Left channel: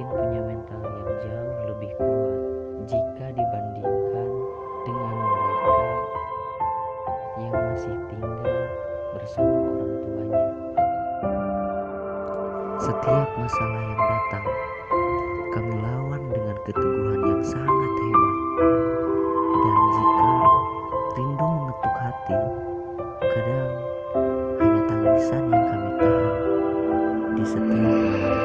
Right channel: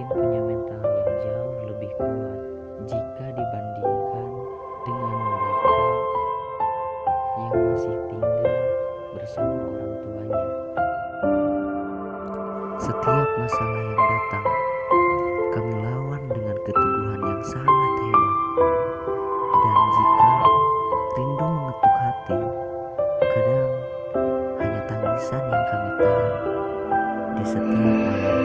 mungkin punya mental yang jauh lebih kuat jika dibandingkan dengan mereka yang masih tinggal bersama orang tuanya. Setiap masalah yang datang, kami lawan dengan keteguhan yang sangat hebat. Dan jika rindu mengetuk hati, kadang hanya tangisan yang kami tahan di setiap malam